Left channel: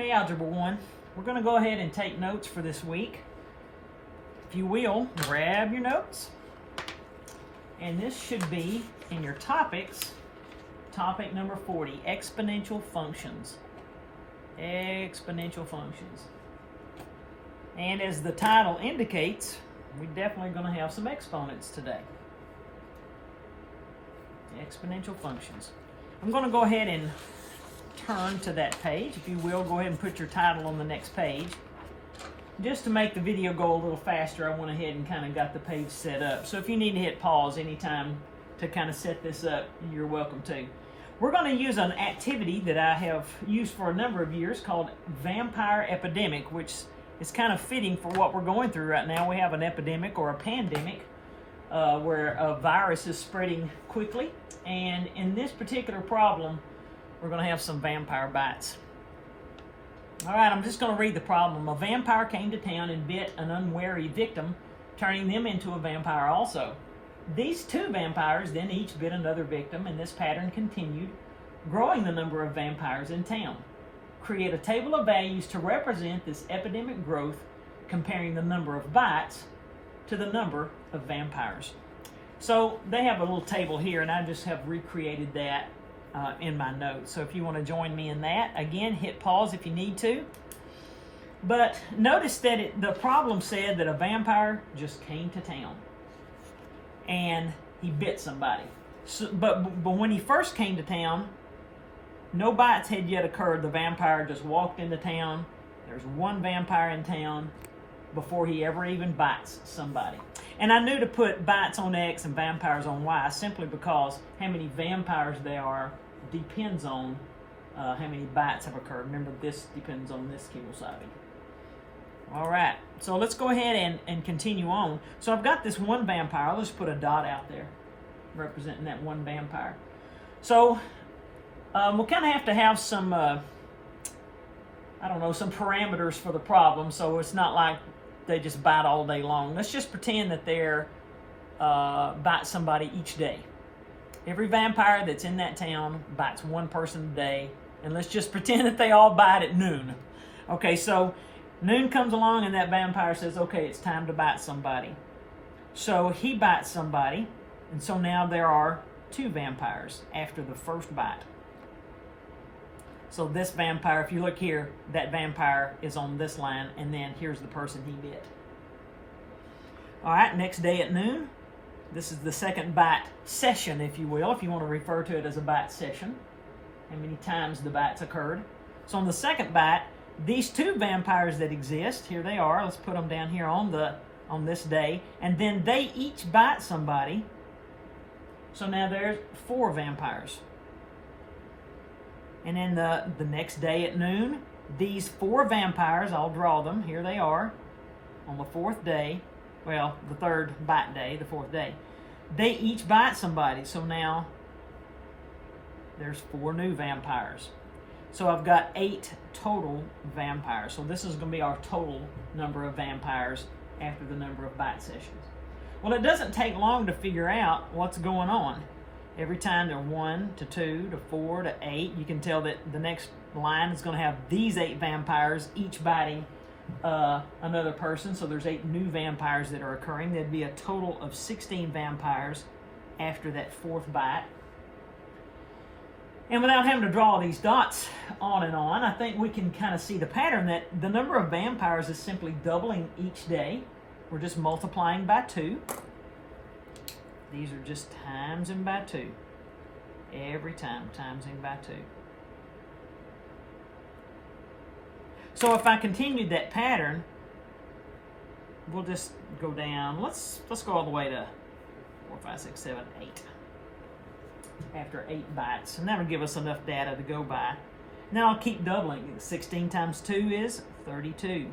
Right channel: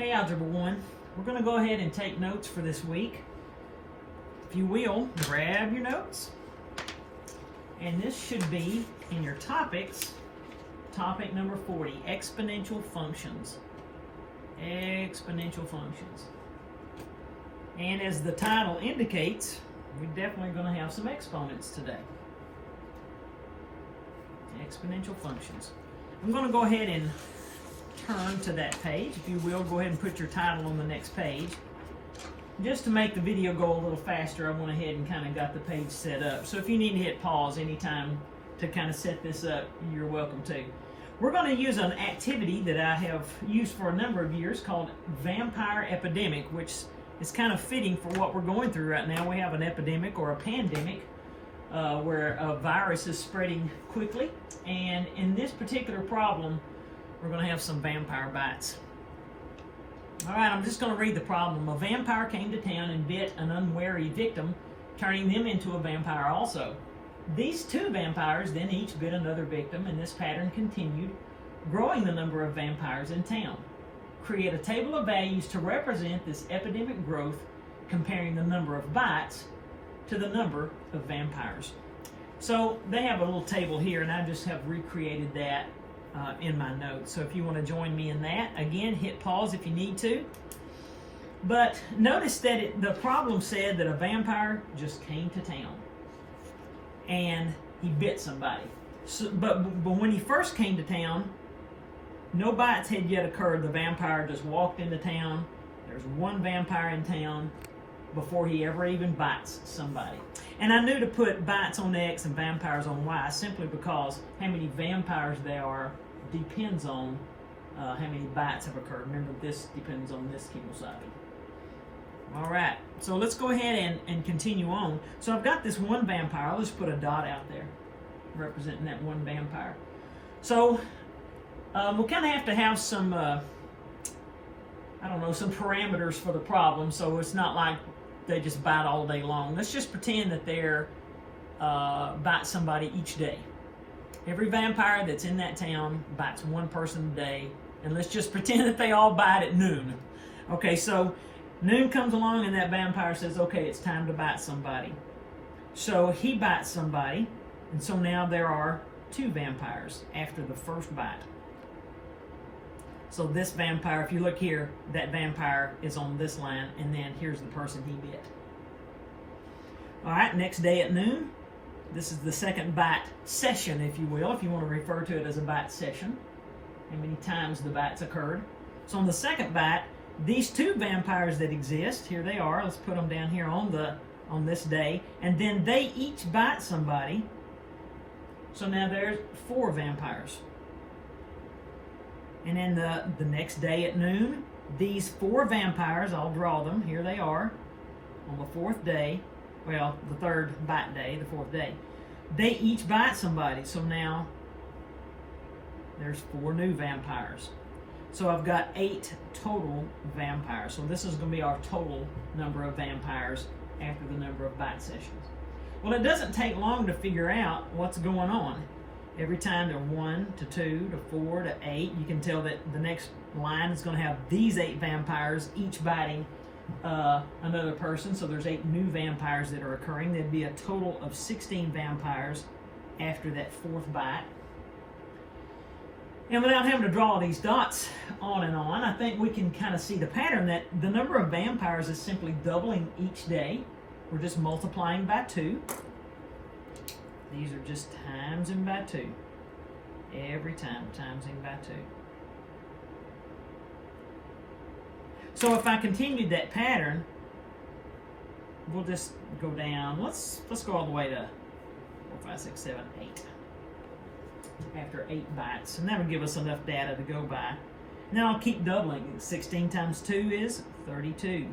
Hey, Algebra 1, we're going to go ahead and take notes for this week. If you will, grab your notes. And this should be in your topics, topic number 40, exponential functions. Exponential functions. And as the title indicates, we're definitely going to have some exponents today. Exponential functions. I'm going to go ahead and turn to that page. If you will, go ahead and put your title on the next page. Just to make the video go a little faster, I went ahead and kind of got the page set up. So if you need to hit pause anytime to kind of set this up, you're welcome to. We're going to use an activity that I have used for a number of years called vampire epidemic, which is kind of fitting for what we're going through right now. We have an epidemic or a pandemic where a virus is spreading quickly. And in this particular problem, we're going to have some vampire bites. All right, I'm just going to read the problem. A vampire came to town and bit an unwary victim, turning them into a vampire also. These two vampires then each bit another victim, and this pattern continued, growing the number of vampires in town. Create a table of values to represent this epidemic growth, comparing the number of bites to the number of vampires. So they have a little table here, and I just have recreated that in my notes. So if you want to join me in that, again, hit pause if you need to. But notice that the problem said that a vampire just came to town and he bit somebody. So, but when he first came to town, no bites had yet occurred. The vampire just walked into town. There's one vampire in town before he ever even bites somebody. And I knew to put bites on X and vampires on Y simply because how many vampires there are depends on how many bites have occurred. Remember, this depends on this kibble-sided. All right, so let's go ahead and continue on. So I've got this one vampire. I'll just put a dot out there representing that one vampire. So we'll kind of have to have some, I don't know, some parameters for the problem. So it's not like they just bite all day long. Let's just pretend that they're bite somebody each day. Every vampire that's in that town bites one person a day, and let's just pretend that they all bite at noon. Okay, so noon comes along and that vampire says, okay, it's time to bite somebody. So he bites somebody, and so now there are two vampires after the first bite. So this vampire, if you look here, that vampire is on this line, and then here's the person he bit. All right, next day at noon, this is the second bite session, if you will, if you want to refer to it as a bite session, how many times the bites occurred. So on the second bite, these two vampires that exist, here they are, let's put them down here on this day, and then they each bite somebody. So now there's four vampires. And then the next day at noon, these four vampires, I'll draw them, here they are, on the fourth day, well, the third bite day, the fourth day, they each bite somebody. So now there's four new vampires. So I've got 8 total vampires. So this is going to be our total number of vampires after the number of bite sessions. Well, it doesn't take long to figure out what's going on. Every time they're 1 to 2 to 4 to 8, you can tell that the next line is going to have these 8 vampires, each biting another person. So there's 8 new vampires that are occurring. There'd be a total of 16 vampires after that fourth bite. And without having to draw these dots on and on, I think we can kind of see the pattern that the number of vampires is simply doubling each day. We're just multiplying by 2. These are just times in by 2. Every time, times in by 2. So if I continued that pattern, we'll just go down. Let's go all the way to 4, 5, 6, 7, 8. After 8 bites. And that would give us enough data to go by. Now I'll keep doubling. 16 times 2 is 32.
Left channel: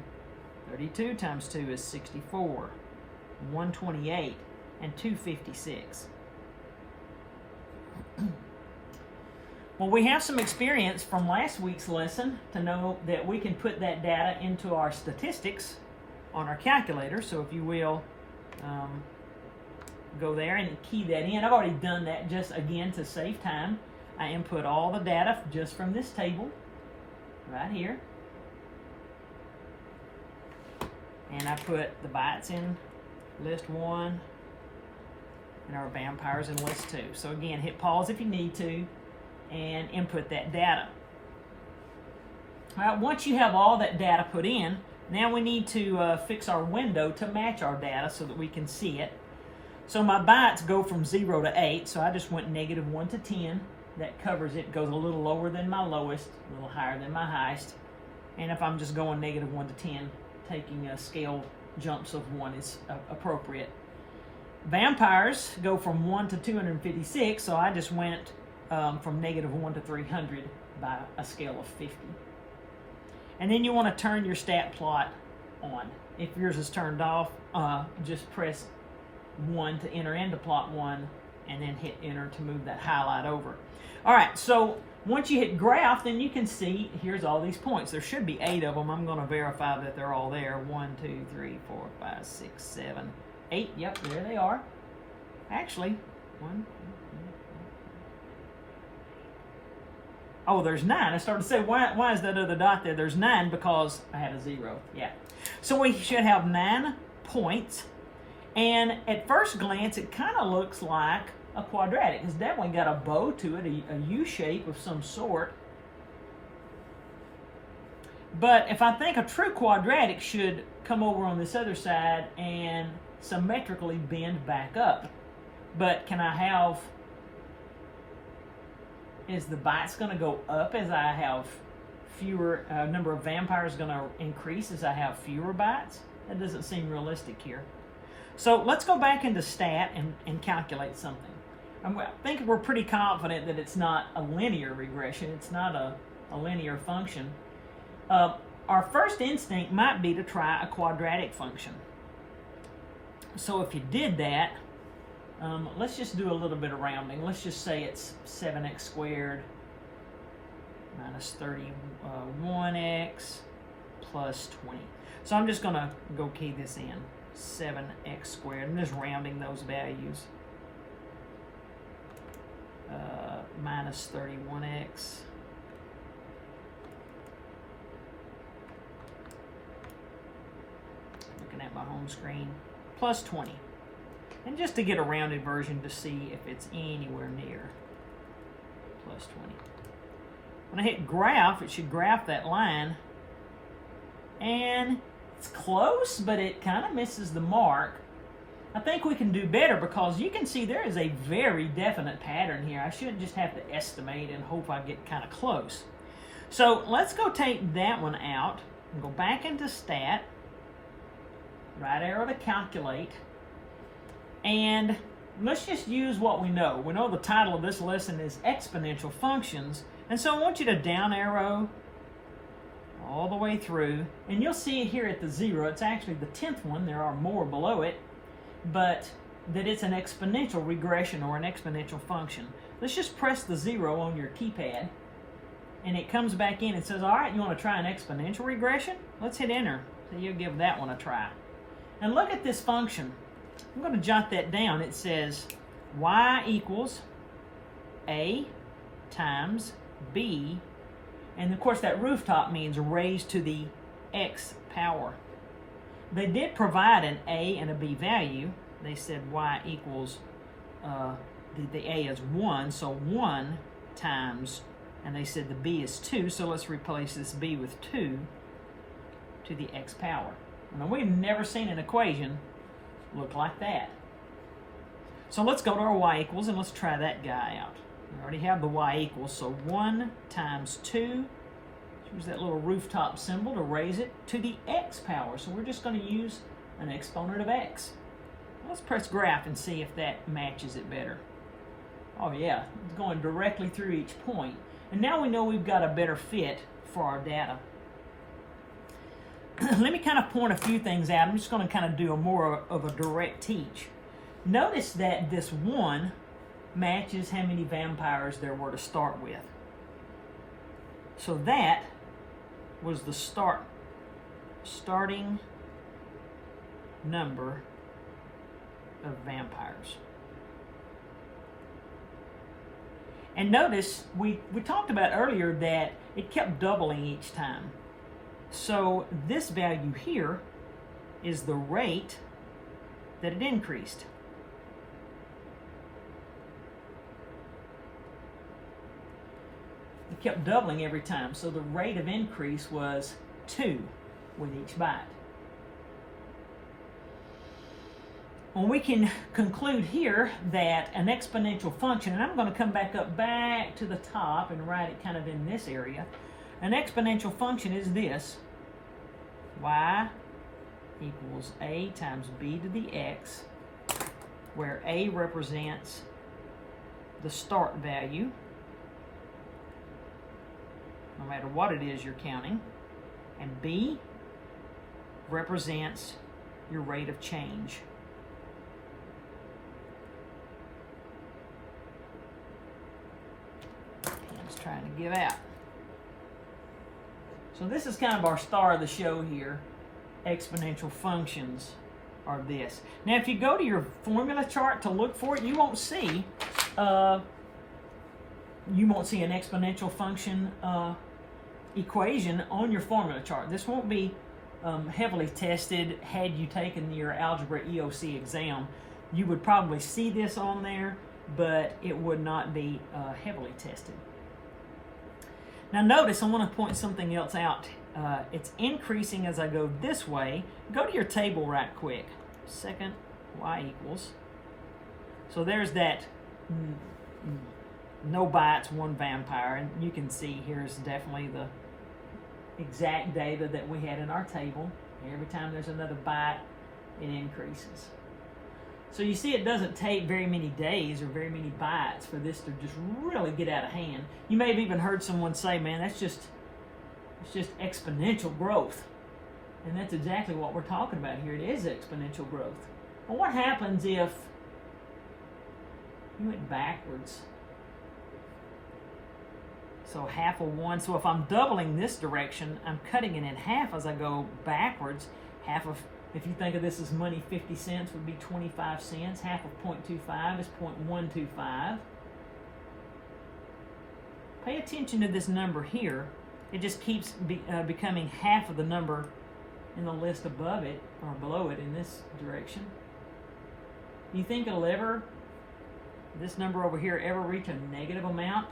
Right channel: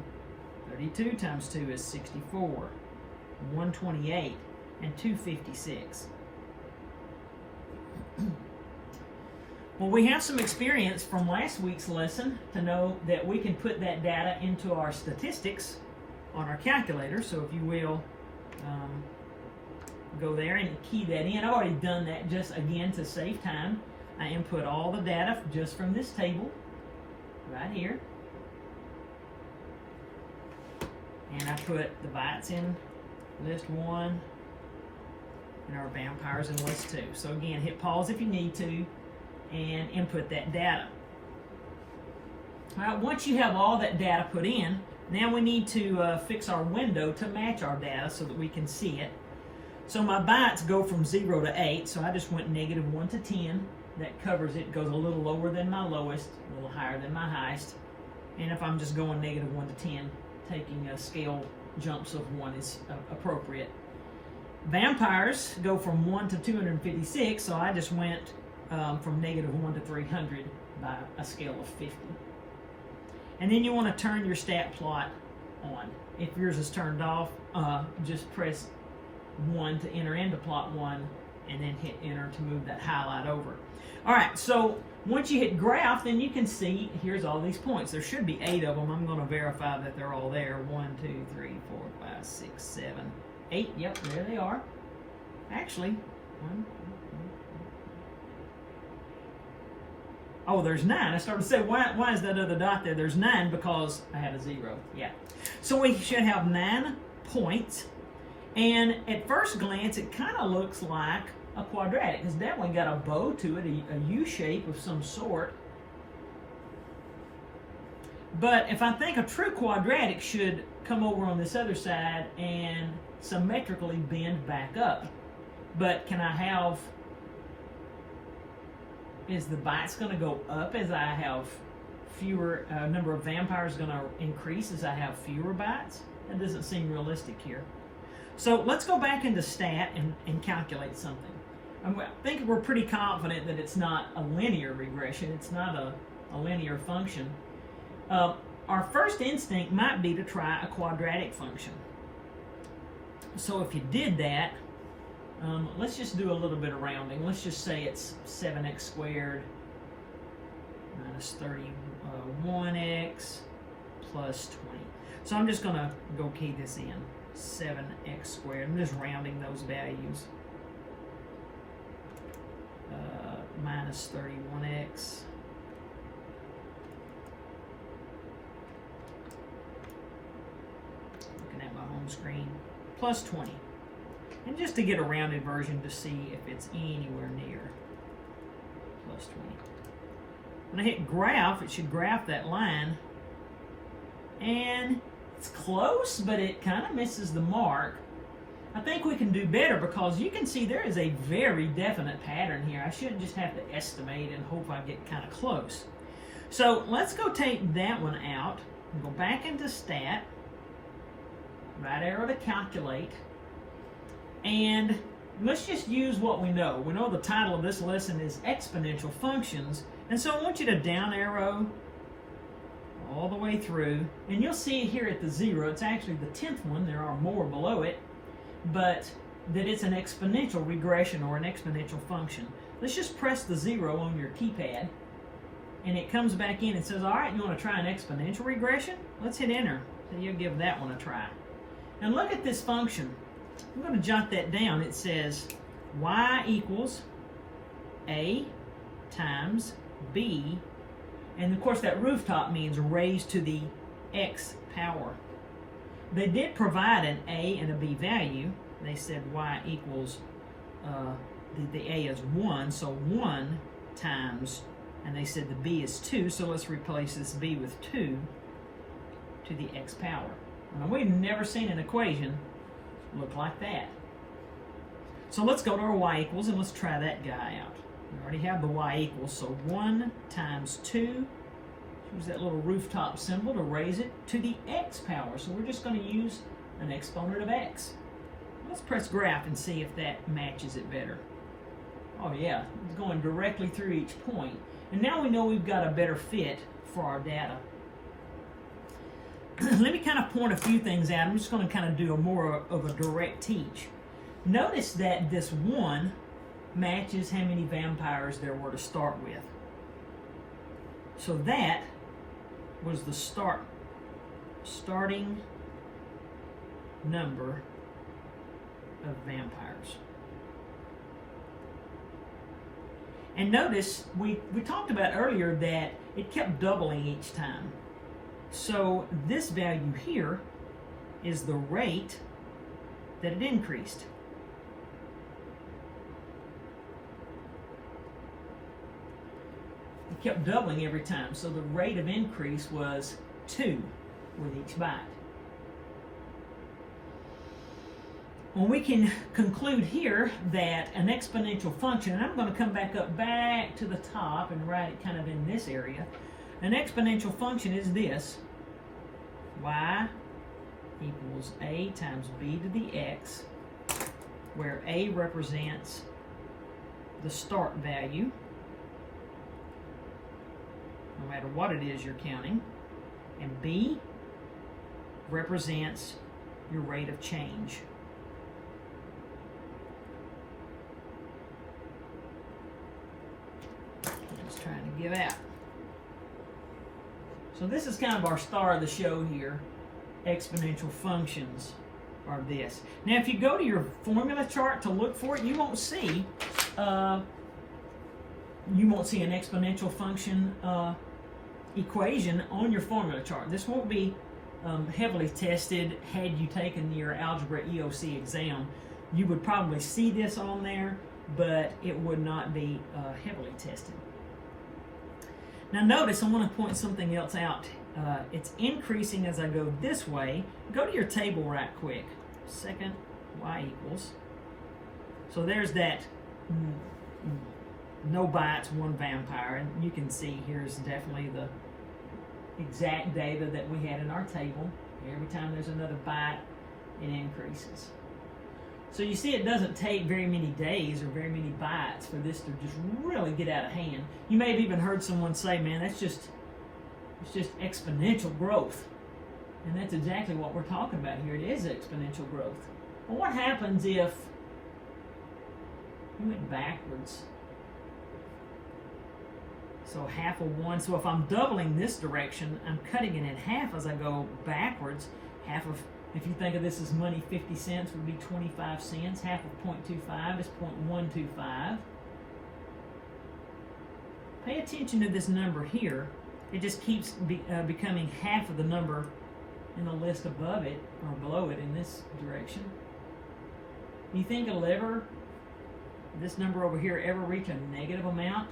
32 times 2 is 64. 128. And 256. Well, we have some experience from last week's lesson to know that we can put that data into our statistics on our calculator. So if you will, go there and key that in. I've already done that just again to save time. I input all the data just from this table right here. and I put the bites in list 1 and our vampires in list 2. So again, hit pause if you need to and input that data. All right, once you have all that data put in, now we need to fix our window to match our data so that we can see it. So my bytes go from 0 to 8, so I just went -1 to 10. That covers it. Goes a little lower than my lowest, a little higher than my highest. And if I'm just going -1 to 10, taking scale jumps of 1 is appropriate. Vampires go from 1 to 256, so I just went from -1 to 300 by a scale of 50. And then you want to turn your stat plot on. If yours is turned off, just press 1 to enter into plot 1 and then hit enter to move that highlight over. All right, so once you hit graph, then you can see here's all these points. There should be 8 of them. I'm going to verify that they're all there. 1, 2, 3, 4, 5, 6, 7, 8. Yep, there they are. Actually, 1, 2, 3, 4. Oh, there's 9. I started to say, why is that other dot there? There's 9 because I had a 0. Yeah. So we should have 9 points. And at first glance, it kind of looks like a quadratic. It's definitely got a bow to it, a U shape of some sort. But if I think a true quadratic should come over on this other side and symmetrically bend back up. But can I have, is the bytes going to go up as I have fewer, number of vampires going to increase as I have fewer bytes? That doesn't seem realistic here. So let's go back into stat and calculate something. I think we're pretty confident that it's not a linear regression. It's not a linear function. Our first instinct might be to try a quadratic function. So if you did that, let's just do a little bit of rounding. Let's just say it's 7x squared minus 31x plus 20. So I'm just going to go key this in. 7x squared. I'm just rounding those values. Minus 31x. Looking at my home screen. Plus 20. And just to get a rounded version to see if it's anywhere near. Plus 20. When I hit graph, it should graph that line. And it's close, but it kind of misses the mark. I think we can do better because you can see there is a very definite pattern here. I shouldn't just have to estimate and hope I get kind of close. So let's go take that one out and go back into stat. Right arrow to calculate. And let's just use what we know. We know the title of this lesson is exponential functions. And so I want you to down arrow all the way through, and you'll see it here at the 0. It's actually the 10th one. There are more below it, but that it's an exponential regression or an exponential function. Let's just press the 0 on your keypad, and it comes back in and says, all right, you want to try an exponential regression? Let's hit enter. So you'll give that one a try. And look at this function. I'm going to jot that down. It says y equals a times b. And of course that rooftop means raised to the x power. They did provide an a and a b value. They said y equals, the a is 1, so 1 times, and they said the b is 2, so let's replace this b with 2 to the x power. Now we've never seen an equation look like that. So let's go to our y equals and let's try that guy out. We already have the y equals, so 1 times 2, use that little rooftop symbol to raise it to the x power. So we're just going to use an exponent of x. Let's press graph and see if that matches it better. Oh yeah, it's going directly through each point. And now we know we've got a better fit for our data. Let me kind of point a few things out. I'm just going to kind of do a more of a direct teach. Notice that this 1 matches how many vampires there were to start with. So that was the starting number of vampires. And notice we talked about earlier that it kept doubling each time. So this value here is the rate that it increased. It kept doubling every time, so the rate of increase was 2 with each byte. Well, we can conclude here that an exponential function, and I'm going to come back to the top and write it kind of in this area. An exponential function is this: y equals a times b to the x, where a represents the start value, no matter what it is you're counting, and b represents your rate of change. Let's try to give out. So this is kind of our star of the show here. Exponential functions are this. Now, if you go to your formula chart to look for it, you won't see an exponential function equation on your formula chart. This won't be heavily tested. Had you taken your Algebra EOC exam, you would probably see this on there, but it would not be heavily tested. Now notice, I want to point something else out. It's increasing as I go this way. Go to your table right quick. Second y equals. So there's that no bytes, one vampire. And you can see here's definitely the exact data that we had in our table. Every time there's another byte, it increases. So you see, it doesn't take very many days or very many bytes for this to just really get out of hand. You may have even heard someone say, man, it's just exponential growth. And that's exactly what we're talking about here. It is exponential growth. Well, what happens if you went backwards? So half of 1. So if I'm doubling this direction, I'm cutting it in half as I go backwards. Half of, if you think of this as money, 50 cents would be 25 cents. Half of 0.25 is 0.125. Pay attention to this number here. It just keeps becoming half of the number in the list above it or below it in this direction. You think it'll ever, this number over here, ever reach a negative amount?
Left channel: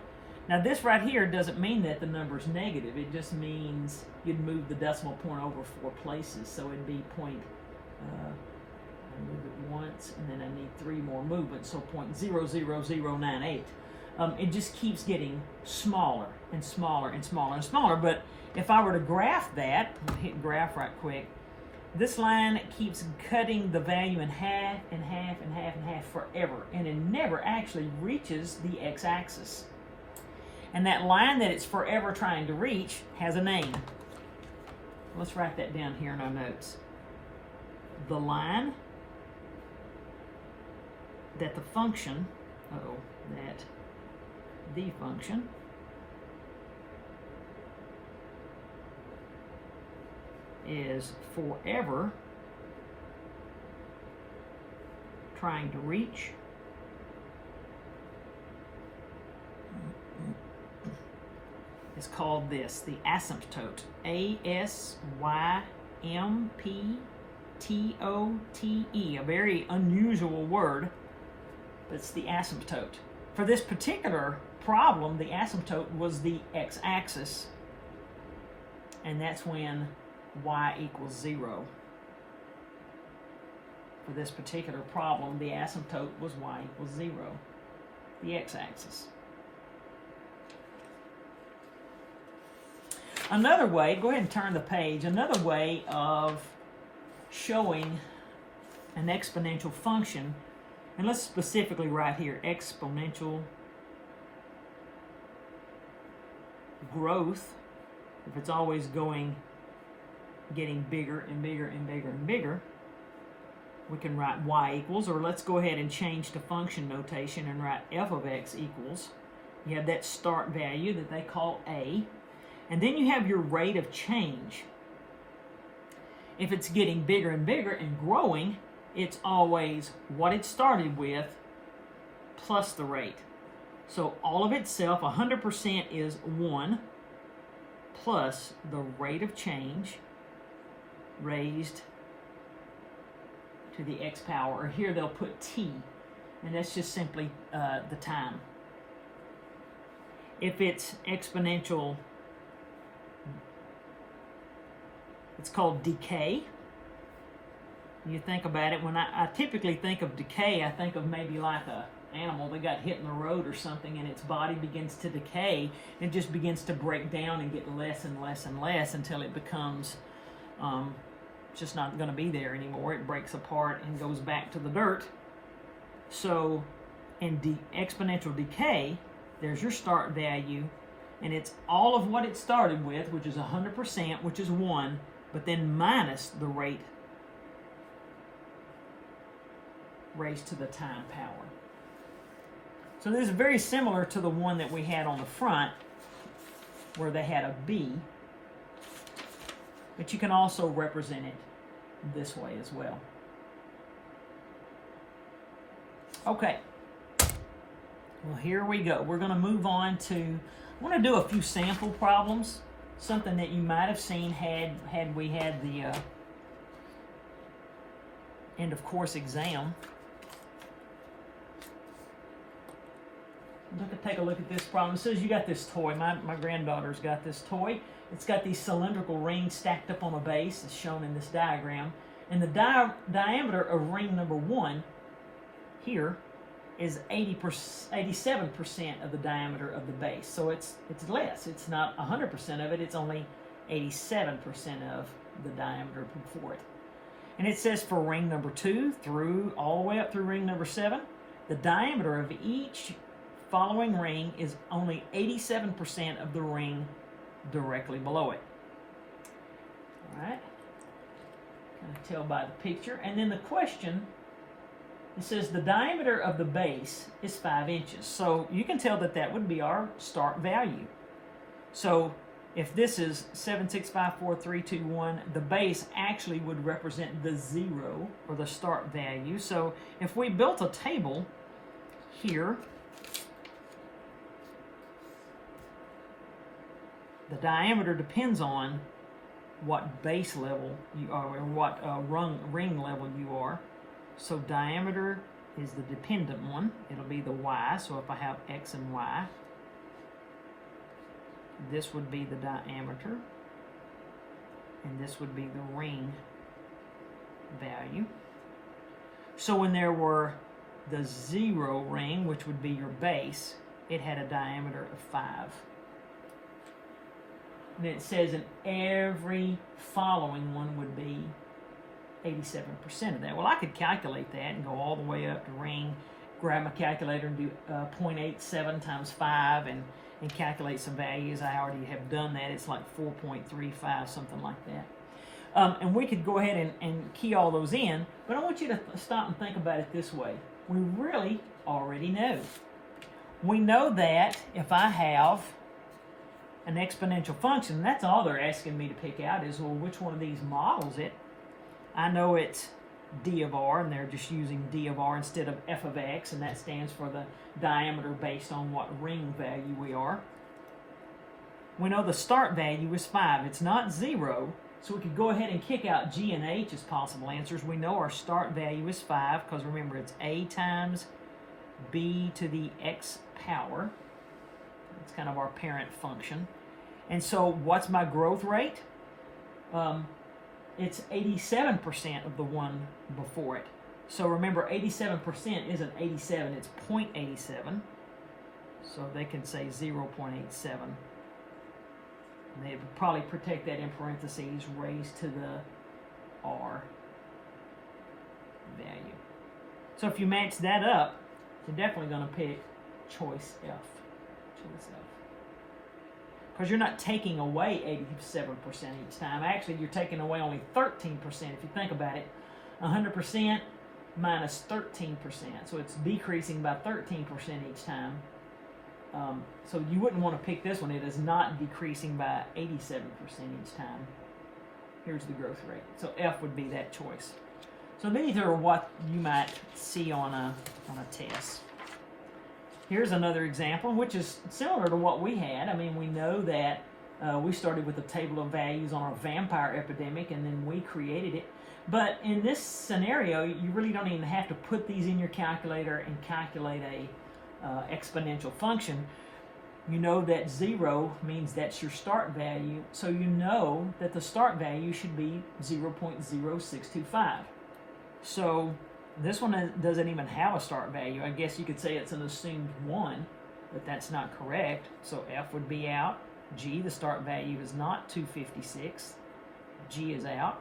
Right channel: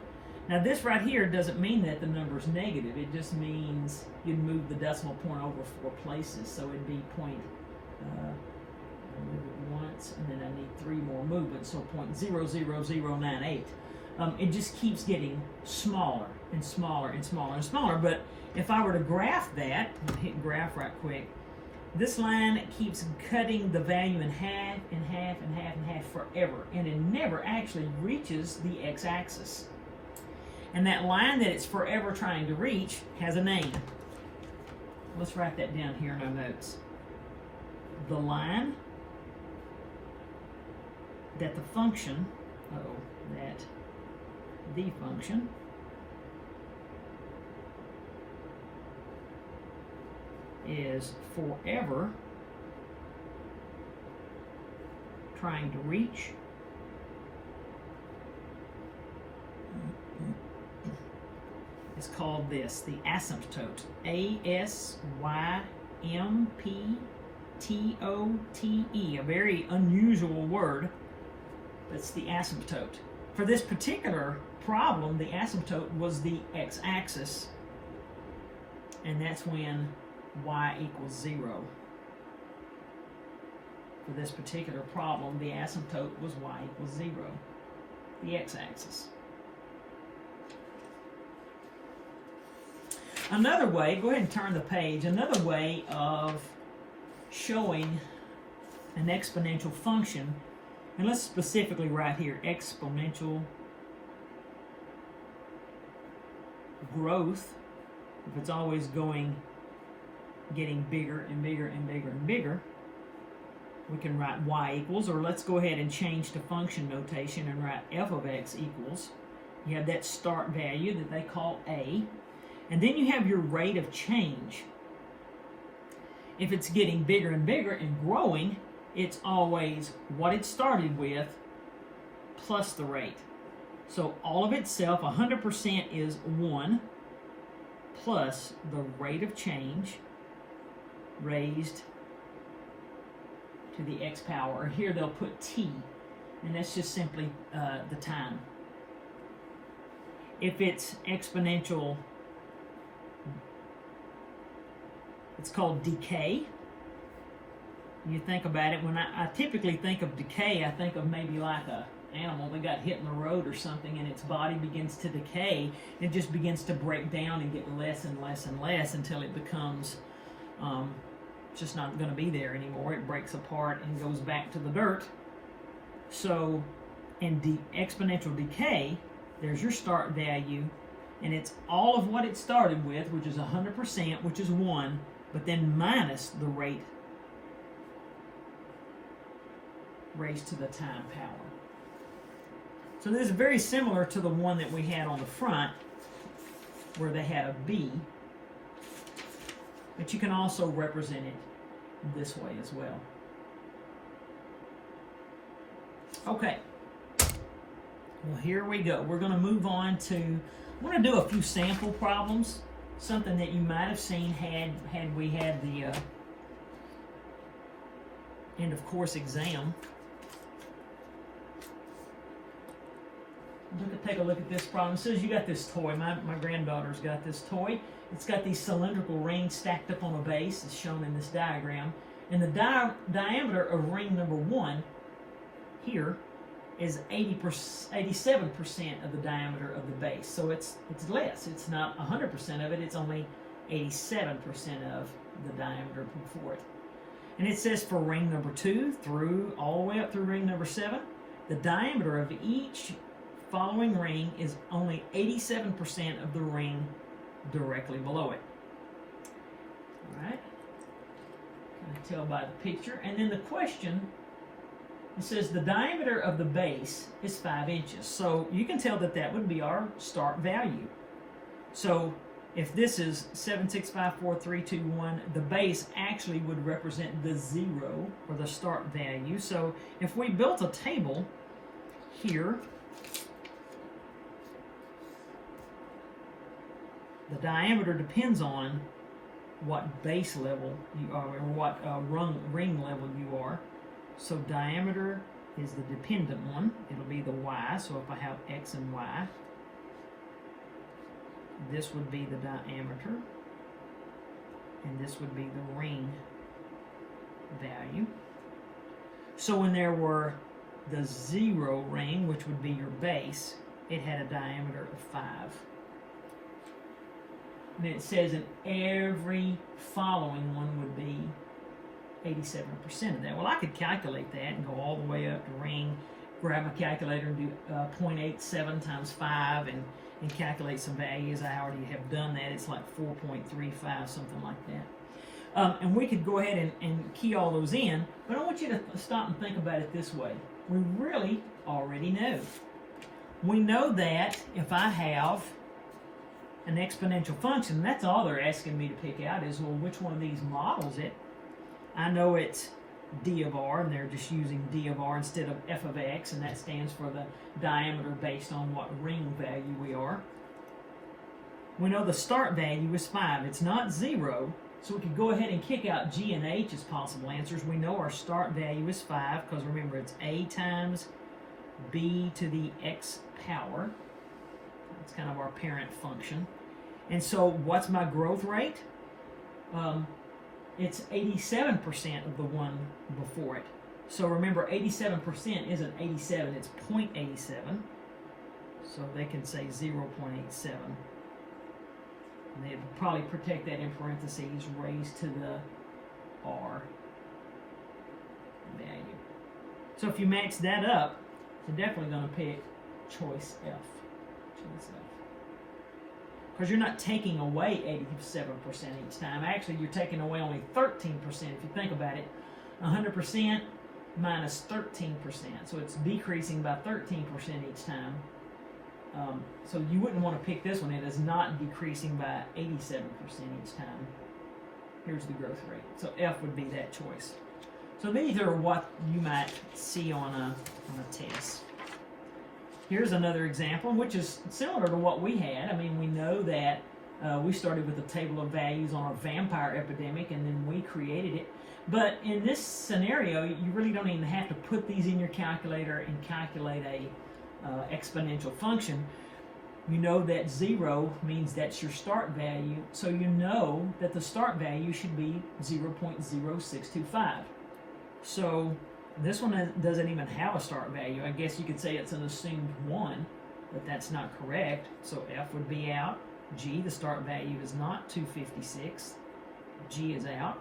Now this right here doesn't mean that the number's negative. It just means you'd move the decimal point over 4 places. So it'd be I move it once, and then I need 3 more movements, so 0.00098. It just keeps getting smaller and smaller and smaller and smaller. But if I were to graph that, hit graph right quick, this line keeps cutting the value in half and half and half and half forever, and it never actually reaches the x-axis. And that line that it's forever trying to reach has a name. Let's write that down here in our notes. The line that the function, that the function is forever trying to reach is called this, the asymptote. A-S-Y-M-P-T-O-T-E, a very unusual word, but it's the asymptote. For this particular problem, the asymptote was the x-axis, and that's when y equals 0. For this particular problem, the asymptote was y equals 0, the x-axis. Another way, go ahead and turn the page, another way of showing an exponential function, and let's specifically write here, exponential growth, if it's always getting bigger and bigger and bigger and bigger, we can write y equals, or let's go ahead and change to function notation and write f of x equals. You have that start value that they call a, and then you have your rate of change. If it's getting bigger and bigger and growing, it's always what it started with plus the rate. So all of itself, 100% is 1 plus the rate of change raised to the x power, or here they'll put t, and that's just simply the time. If it's exponential, it's called decay. You think about it, when I typically think of decay, I think of maybe like a animal that got hit in the road or something, and its body begins to decay and just begins to break down and get less and less and less until it becomes just not going to be there anymore. It breaks apart and goes back to the dirt. So in exponential decay, there's your start value, and it's all of what it started with, which is 100%, which is 1, but then minus the rate raised to the time power. So this is very similar to the one that we had on the front, where they had a b, but you can also represent it this way as well. Okay, well, here we go. We're going to move on to, I want to do a few sample problems, something that you might have seen had we had the end of course exam. Take a look at this problem. It says you got this toy. My granddaughter's got this toy. It's got these cylindrical rings stacked up on a base, as shown in this diagram. And the diameter of ring number 1 here is 87% of the diameter of the base. So it's less. It's not 100% of it. It's only 87% of the diameter before it. And it says for ring number 2 through all the way up through ring number 7, the diameter of each following ring is only 87% of the ring directly below it. All right, you can tell by the picture. And then the question, it says the diameter of the base is 5 inches. So you can tell that that would be our start value. So if this is 7, 6, 5, 4, 3, 2, 1, the base actually would represent the 0, or the start value. So if we built a table here, the diameter depends on what base level you are, or what ring level you are. So diameter is the dependent one. It'll be the y. So if I have x and y, this would be the diameter, and this would be the ring value. So when there were the 0 ring, which would be your base, it had a diameter of 5. And it says in every following one would be 87% of that. Well, I could calculate that and go all the way up the ring, grab my calculator and do 0.87 times 5 and calculate some values. I already have done that. It's like 4.35, something like that. And we could go ahead and key all those in, but I want you to stop and think about it this way. We really already know. We know that if I have an exponential function, that's all they're asking me to pick out is, well, which one of these models it. I know it's d of r, and they're just using d of r instead of f of x, and that stands for the diameter based on what ring value we are. We know the start value is 5. It's not 0, so we could go ahead and kick out g and h as possible answers. We know our start value is 5, because remember, it's a times b to the x power. It's kind of our parent function. And so what's my growth rate? It's 87% of the one before it. So remember, 87% isn't 87, it's 0.87. So they can say 0.87. And they would probably protect that in parentheses, raised to the r value. So if you max that up, you're definitely going to pick choice F. Because you're not taking away 87% each time. Actually, you're taking away only 13% if you think about it. 100% minus 13%. So it's decreasing by 13% each time. So you wouldn't want to pick this one. It is not decreasing by 87% each time. Here's the growth rate. So F would be that choice. So these are what you might see on a test. Here's another example, which is similar to what we had. I mean, we know that we started with a table of values on our vampire epidemic, and then we created it. But in this scenario, you really don't even have to put these in your calculator and calculate a exponential function. You know that 0 means that's your start value, so you know that the start value should be 0.0625. So this one doesn't even have a start value. I guess you could say it's an assumed 1, but that's not correct. So F would be out. G, the start value is not 256. G is out.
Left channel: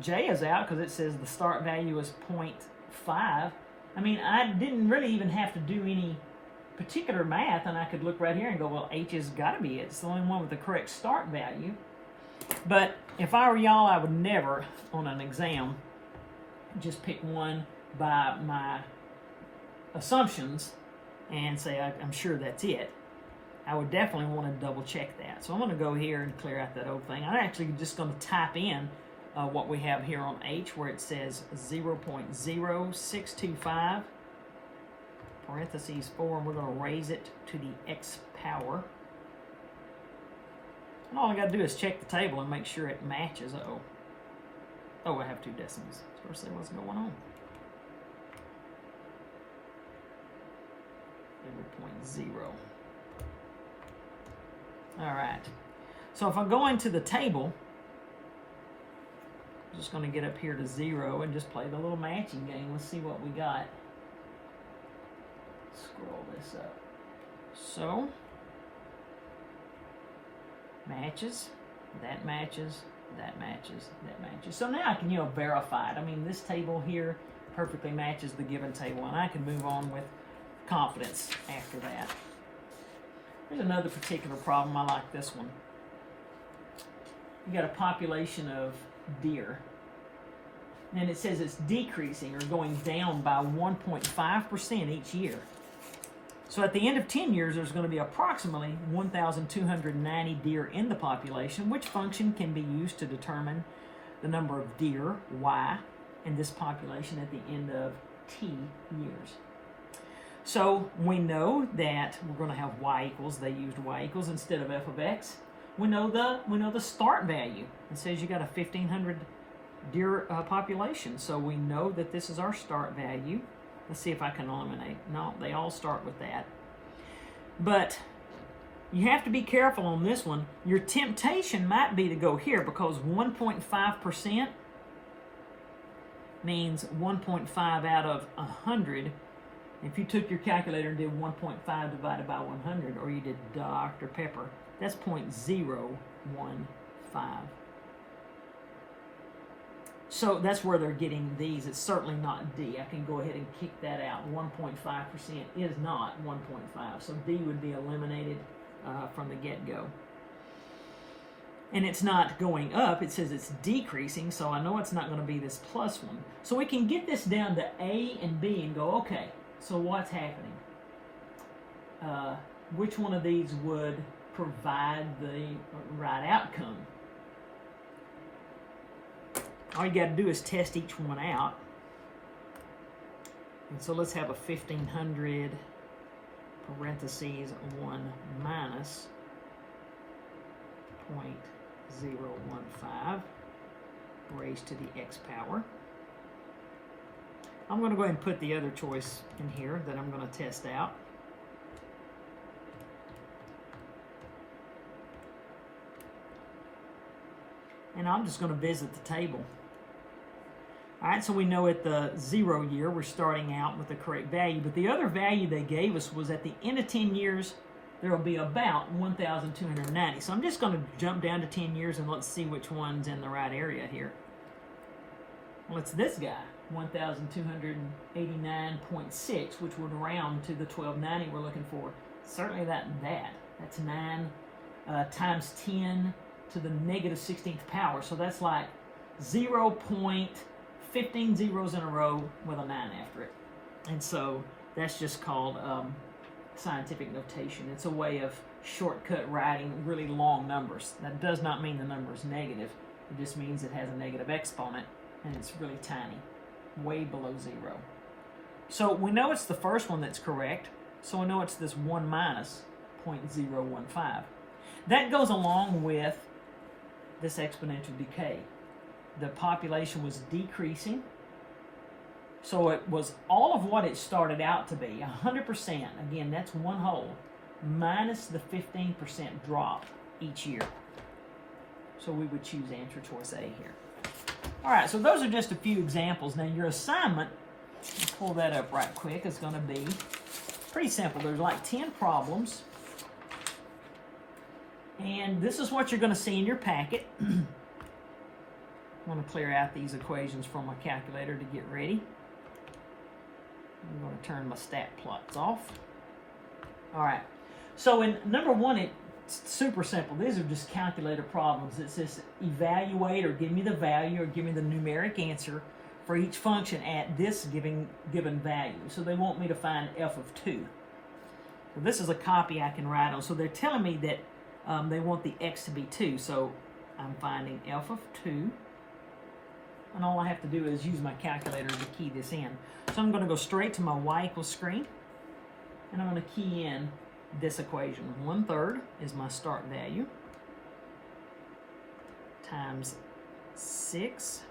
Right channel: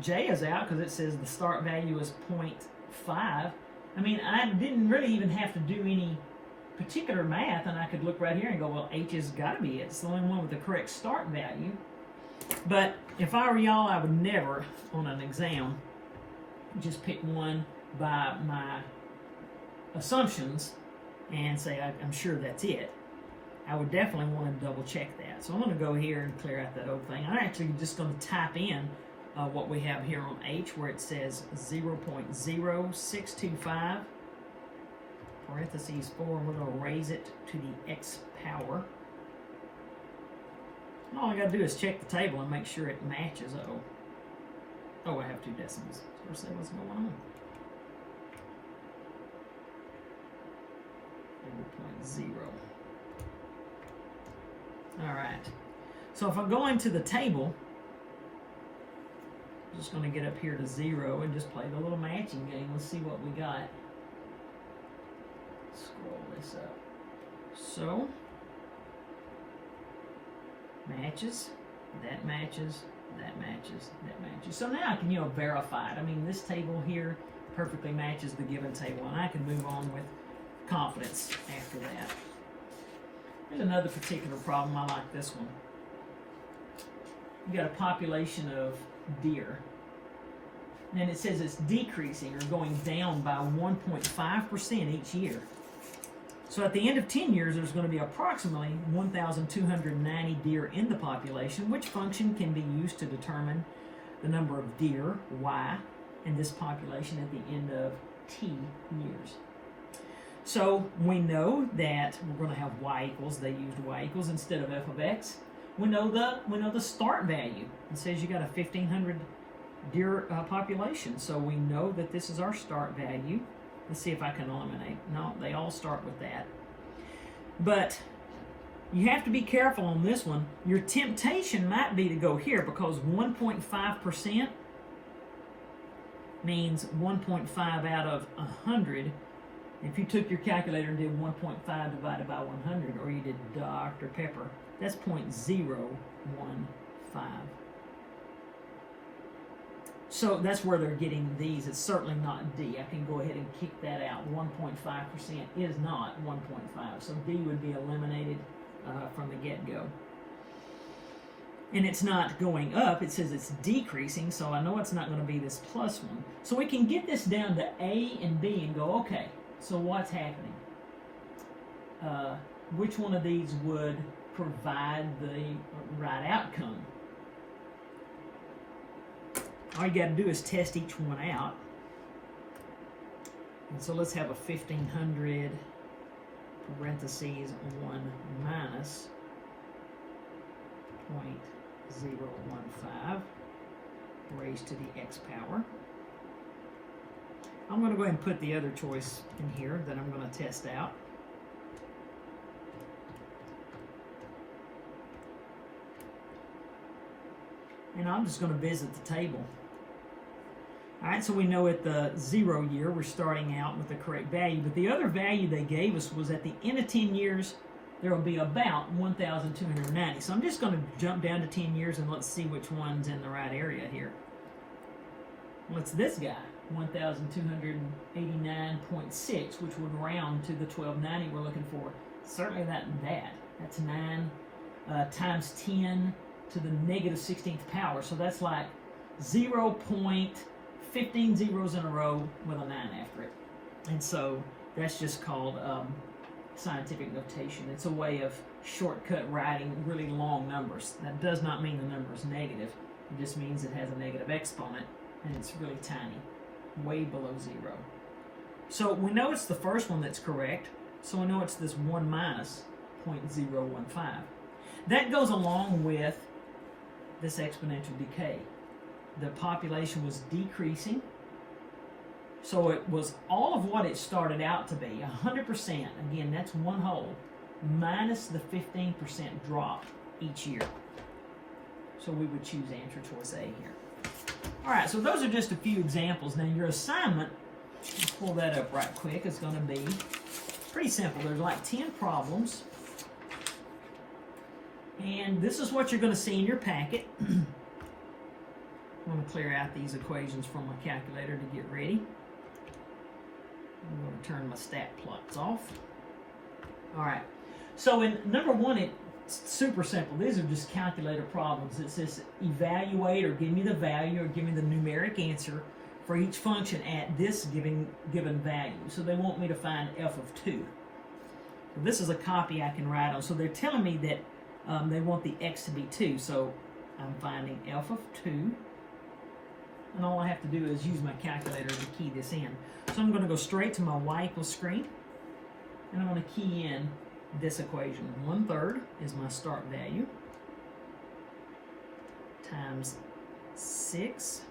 J is out because it says the start value is 0.5. I mean, I didn't really even have to do any particular math, and I could look right here and go, well, H has got to be it. It's the only one with the correct start value. But if I were y'all, I would never, on an exam, just pick one by my assumptions and say, I'm sure that's it. I would definitely want to double check that. So I'm going to go here and clear out that whole thing. I'm actually just going to type in what we have here on H, where it says 0.0625, parentheses 4, and we're going to raise it to the x power. And all I got to do is check the table and make sure it matches. Oh, I have 2 decimals. Of course, that what's going on. 0.0. All right. So if I go into the table, I'm just going to get up here to 0 and just play the little matching game. Let's see what we got. Scroll this up. So, matches, that matches, that matches, that matches. So now I can, verify it. I mean, this table here perfectly matches the given table, and I can move on with confidence after that. Here's another particular problem. I like this one. You got a population of deer, and it says it's decreasing or going down by 1.5% each year. So at the end of 10 years, there's going to be approximately 1,290 deer in the population, which function can be used to determine the number of deer, Y, in this population at the end of T years. So we know that we're going to have Y equals, they used Y equals instead of F of X. We know the start value. It says you got a 1,500 deer population, so we know that this is our start value. Let's see if I can eliminate. No, they all start with that. But you have to be careful on this one. Your temptation might be to go here because 1.5% means 1.5 out of 100. If you took your calculator and did 1.5 divided by 100, or you did Dr. Pepper, that's 0.015. So that's where they're getting these. It's certainly not D. I can go ahead and kick that out. 1.5% is not 1.5. So D would be eliminated from the get-go. And it's not going up. It says it's decreasing, so I know it's not going to be this plus one. So we can get this down to A and B and go, okay, so what's happening? Which one of these would provide the right outcome? All you got to do is test each one out. And so let's have a 1,500 parentheses 1 minus 0.015 raised to the x power. I'm going to go ahead and put the other choice in here that I'm going to test out. And I'm just going to visit the table. All right, so we know at the 0 year, we're starting out with the correct value, but the other value they gave us was at the end of 10 years, there will be about 1,290. So I'm just going to jump down to 10 years and let's see which one's in the right area here. Well, it's this guy, 1,289.6, which would round to the 1,290 we're looking for. Certainly that and that. That's 9 times 10 to the negative 16th power. So that's like 0.15 zeros in a row with a 9 after it. And so that's just called scientific notation. It's a way of shortcut writing really long numbers. That does not mean the number is negative. It just means it has a negative exponent and it's really tiny, way below 0. So we know it's the first one that's correct. So we know it's this 1 minus 0.015. That goes along with this exponential decay. the population was decreasing. So it was all of what it started out to be, 100%. Again, that's one whole, minus the 15% drop each year. So we would choose answer choice A here. All right, so those are just a few examples. Now your assignment, let's pull that up right quick, is going to be pretty simple. There's like 10 problems. And this is what you're going to see in your packet. I'm going to clear out these equations from my calculator to get ready. I'm going to turn my stat plots off. All right. So in number one, it's super simple. These are just calculator problems. It says evaluate or give me the value or give me the numeric answer for each function at this given value. So they want me to find f of 2. Well, this is a copy I can write on. So they're telling me that they want the x to be 2. So I'm finding f of 2. And all I have to do is use my calculator to key this in. So I'm going to go straight to my y equals screen. And I'm going to key in this equation. 1/3 is my start value. Times 6.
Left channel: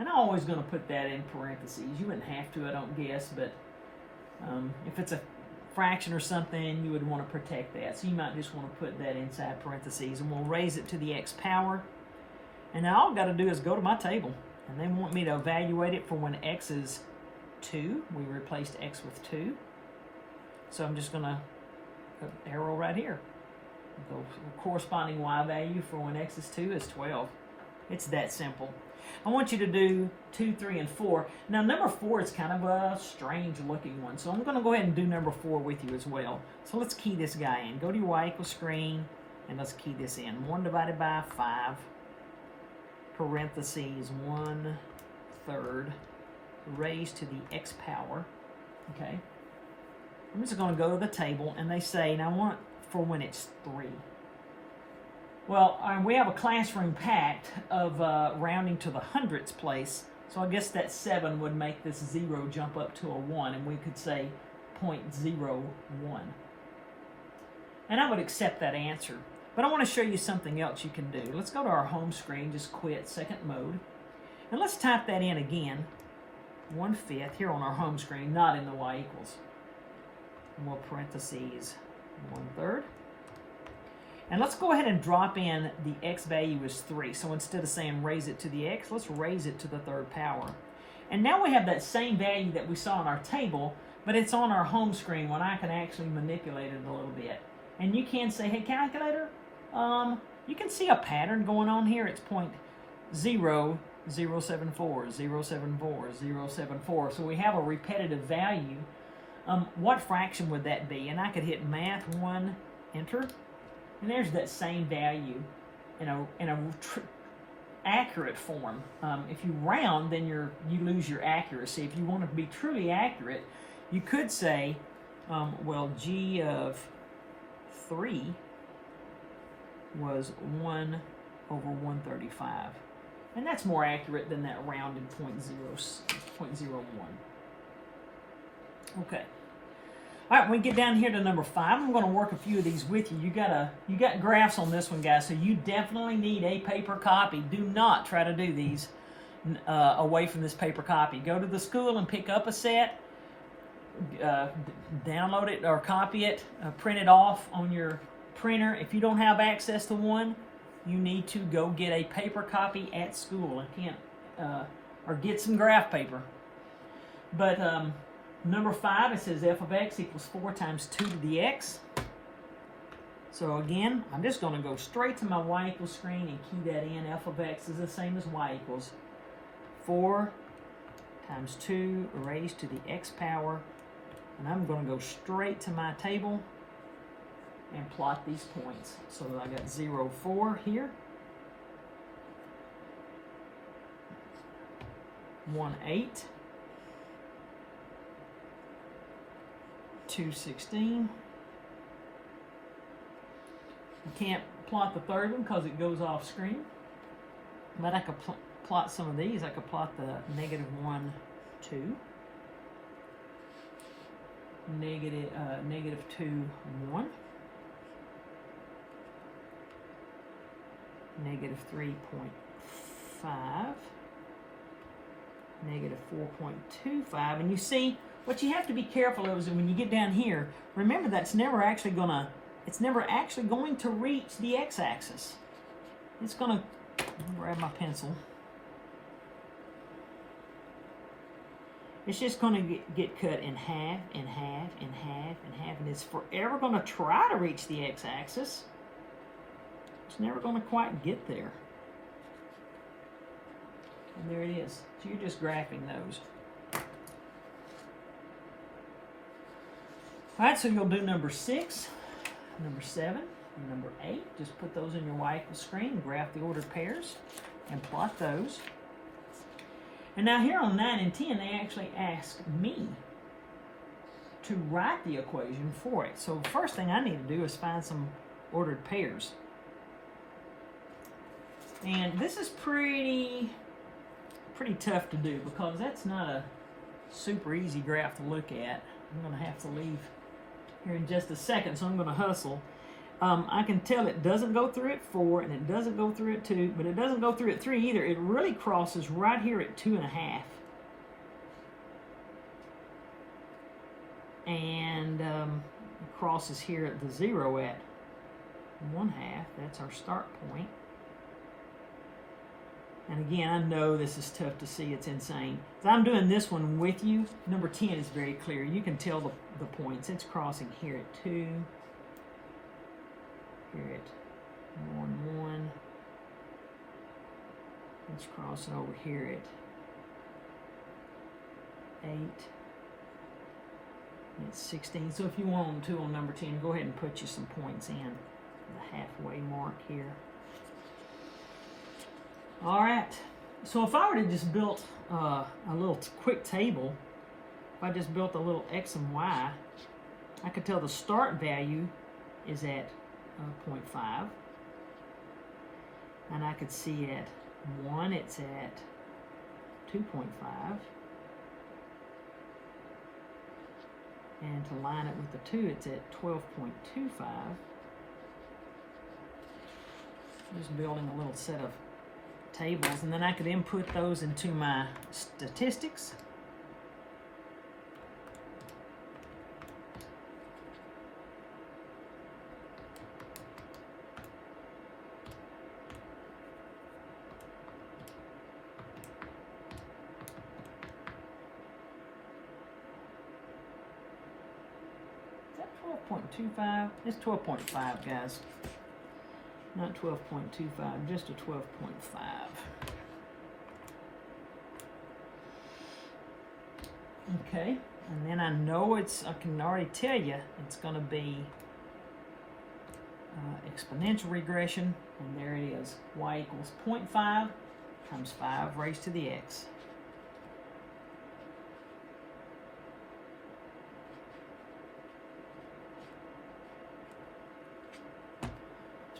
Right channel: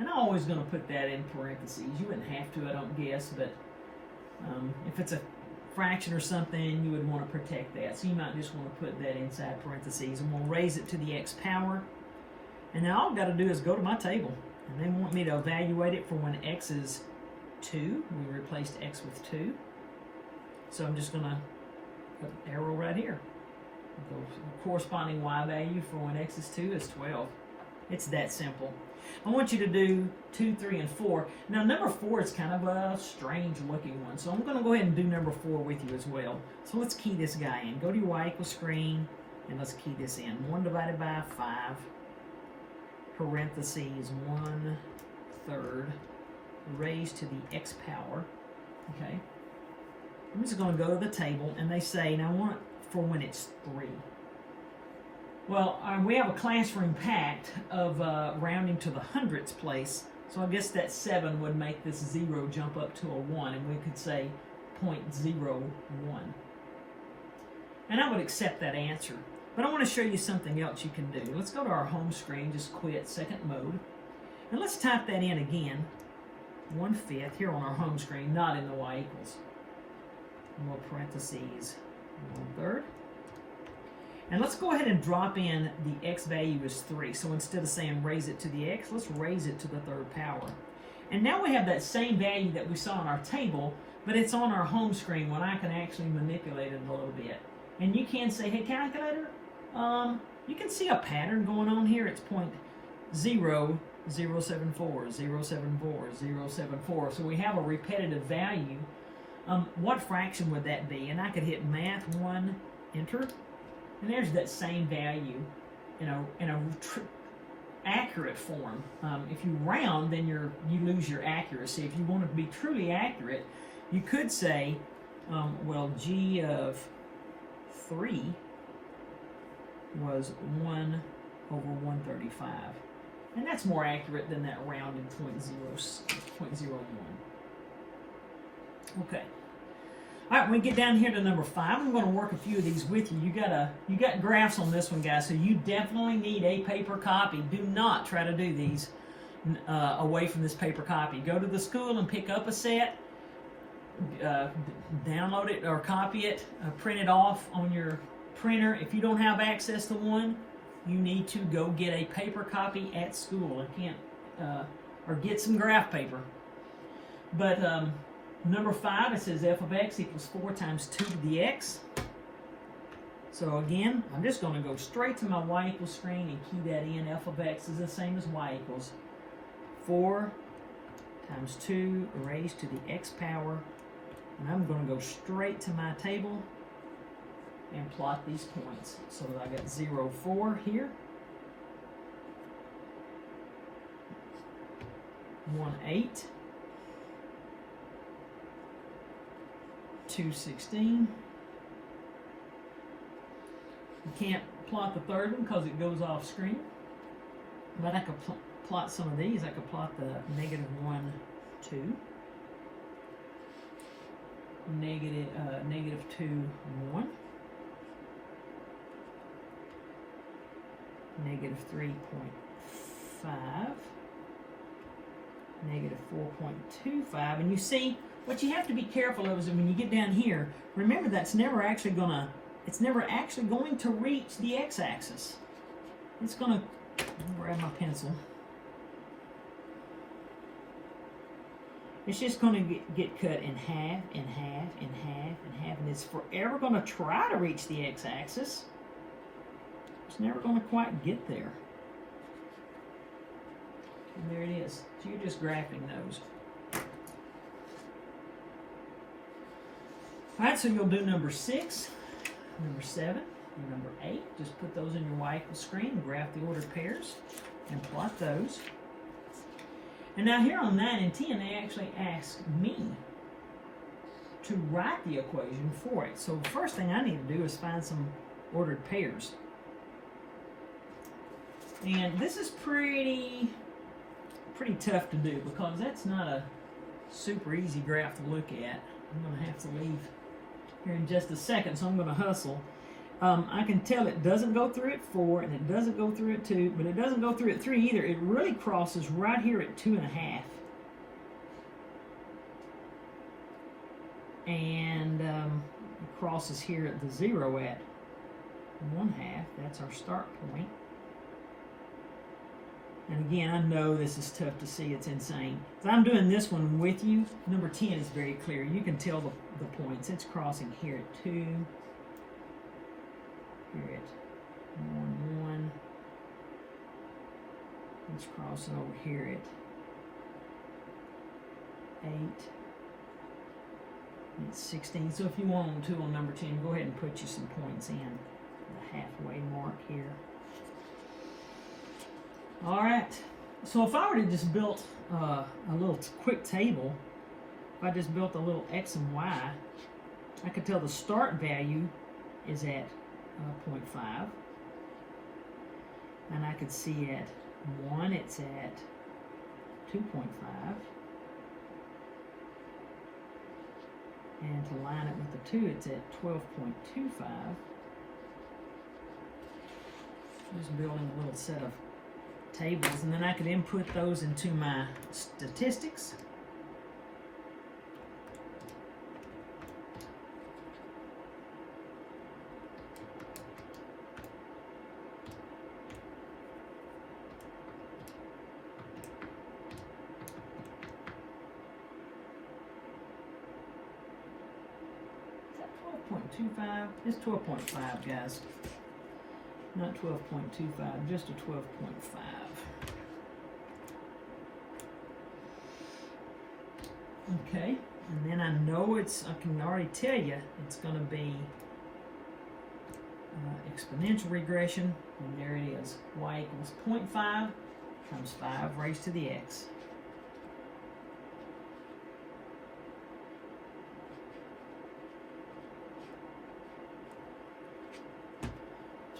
And I'm always going to put that in parentheses. You wouldn't have to, I don't guess. But if it's a fraction or something, you would want to protect that. So you might just want to put that inside parentheses. And we'll raise it to the x power. And now all I've got to do is go to my table. And they want me to evaluate it for when x is 2. We replaced x with 2. So I'm just going to put an arrow right here. The corresponding y value for when x is 2 is 12. It's that simple. I want you to do 2, 3, and 4. Now number 4 is kind of a strange looking one. So I'm going to go ahead and do number 4 with you as well. So let's key this guy in. Go to your y equals screen and let's key this in. 1 divided by 5. Parentheses 1/3 raised to the x power. Okay. I'm just going to go to the table and they say, now I want for when it's 3. Well, we have a classroom packed of rounding to the hundredths place, so I guess that 7 would make this 0 jump up to a 1, and we could say 0.01. And I would accept that answer. But I want to show you something else you can do. Let's go to our home screen, just quit second mode. And let's type that in again. 1/5 here on our home screen, not in the y equals. More parentheses 1/3. And let's go ahead and drop in the x value is 3. So instead of saying raise it to the x, let's raise it to the 3rd power. And now we have that same value that we saw on our table, but it's on our home screen when I can actually manipulate it a little bit. And you can say, hey calculator, you can see a pattern going on here. It's 0.0074, 074, 074. So we have a repetitive value. What fraction would that be? And I could hit math 1, enter. And there's that same value in a accurate form. If you round, then you lose your accuracy. If you want to be truly accurate, you could say, well, g of 3 was 1/135. And that's more accurate than that rounded 0.01. Okay. All right, when we get down here to number 5, I'm going to work a few of these with you. You got graphs on this one, guys, so you definitely need a paper copy. Do not try to do these away from this paper copy. Go to the school and pick up a set, download it or copy it, print it off on your printer. If you don't have access to one, you need to go get a paper copy at school. Or get some graph paper. But number 5, it says f of x equals 4 times 2 to the x. So again, I'm just going to go straight to my y equals screen and key that in. F of x is the same as y equals 4 times 2 raised to the x power. And I'm going to go straight to my table and plot these points. So I got 0, 4 here. 1, 8. 2, 16. You can't plot the third one because it goes off screen. But I could plot some of these. I could plot the -1, 2. -2, 1. -3.5. negative 4.25. And you see, what you have to be careful of is that when you get down here, remember that's never actually going to reach the x-axis. It's going to, grab my pencil. It's just going to get cut in half, in half, in half, in half, and it's forever going to try to reach the x-axis. It's never going to quite get there. And there it is. So you're just graphing those. All right, so you'll do number 6, number 7, and number 8. Just put those in your y-equals screen and graph the ordered pairs and plot those. And now here on 9 and 10, they actually asked me to write the equation for it. So the first thing I need to do is find some ordered pairs. And this is pretty tough to do because that's not a super easy graph to look at. I'm going to have to leave here in just a second, so I'm going to hustle. I can tell it doesn't go through at 4, and it doesn't go through at 2, but it doesn't go through at 3 either. It really crosses right here at 2.5. And crosses here at the 0 at 1/2. That's our start point. And again, I know this is tough to see. It's insane. So I'm doing this one with you. Number 10 is very clear. You can tell the points. It's crossing here at 2. Here at 1. It's crossing over here at 8. It's 16. So if you want to on number 10, go ahead and put you some points in the halfway mark here. All right, so if I were to just build a little quick table, if I just built a little x and y, I could tell the start value is at 0.5, and I could see at 1 it's at 2.5, and to line it with the 2 it's at 12.25. Just building a little set of tables, and then I could input those into my statistics. Is that 12.25? It's 12.5, guys. Not 12.25, just a 12.5. Okay, and then I know I can already tell you it's going to be exponential regression, and there it is. Y equals 0.5 times 5 raised to the x.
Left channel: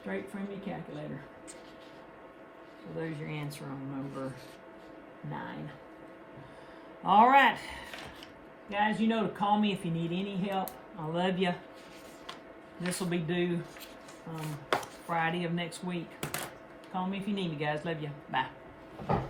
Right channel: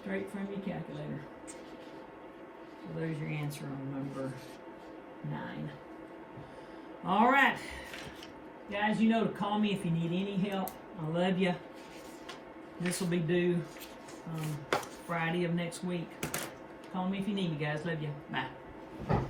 Straight from your calculator. So there's your answer on number 9. All right. Guys, you know to call me if you need any help. I love you. This will be due Friday of next week. Call me if you need me, guys. Love you. Bye.